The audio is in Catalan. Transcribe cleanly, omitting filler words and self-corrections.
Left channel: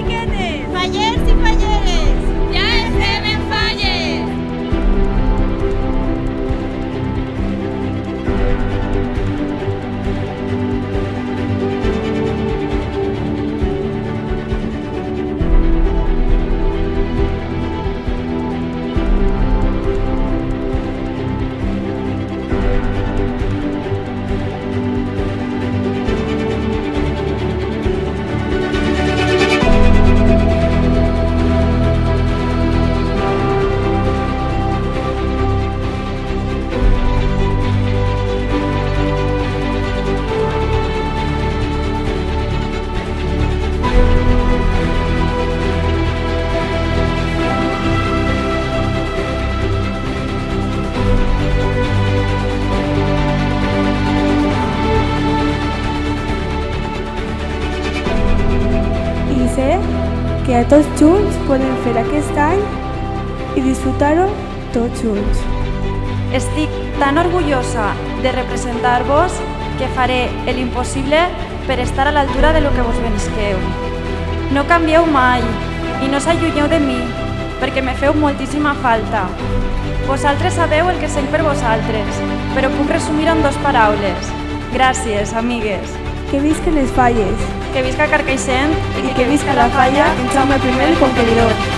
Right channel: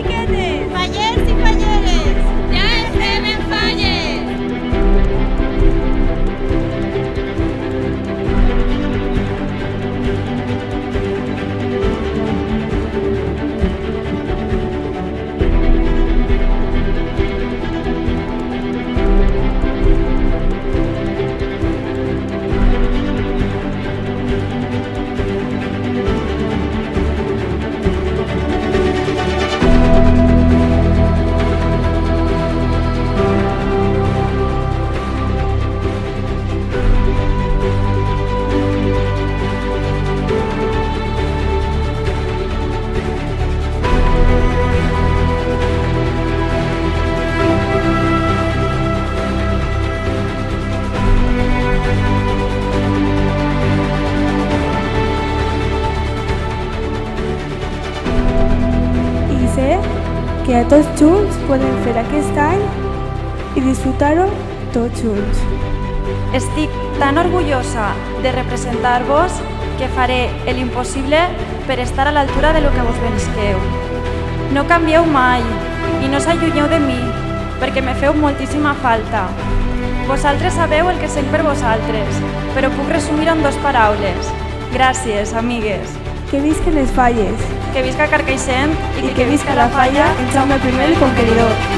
xiquetes! Fallers i falleres! Ja estem en falles! I sé que a tots junts podem fer aquest any i disfrutar-ho tots junts. Estic tan orgullosa de representar-vos que faré l'impossible per estar a l'altura de lo que vos menisqueu. No canvieu mai i no s'allunyeu de mi, perquè me feu moltíssima falta. Vosaltres sabeu el que sent per vosaltres, però puc resumir en 2 paraules. Gràcies, amigues. Que visquen les falles Que visca Carcaixent i que visca la falla en Jaume I el Conqueridor.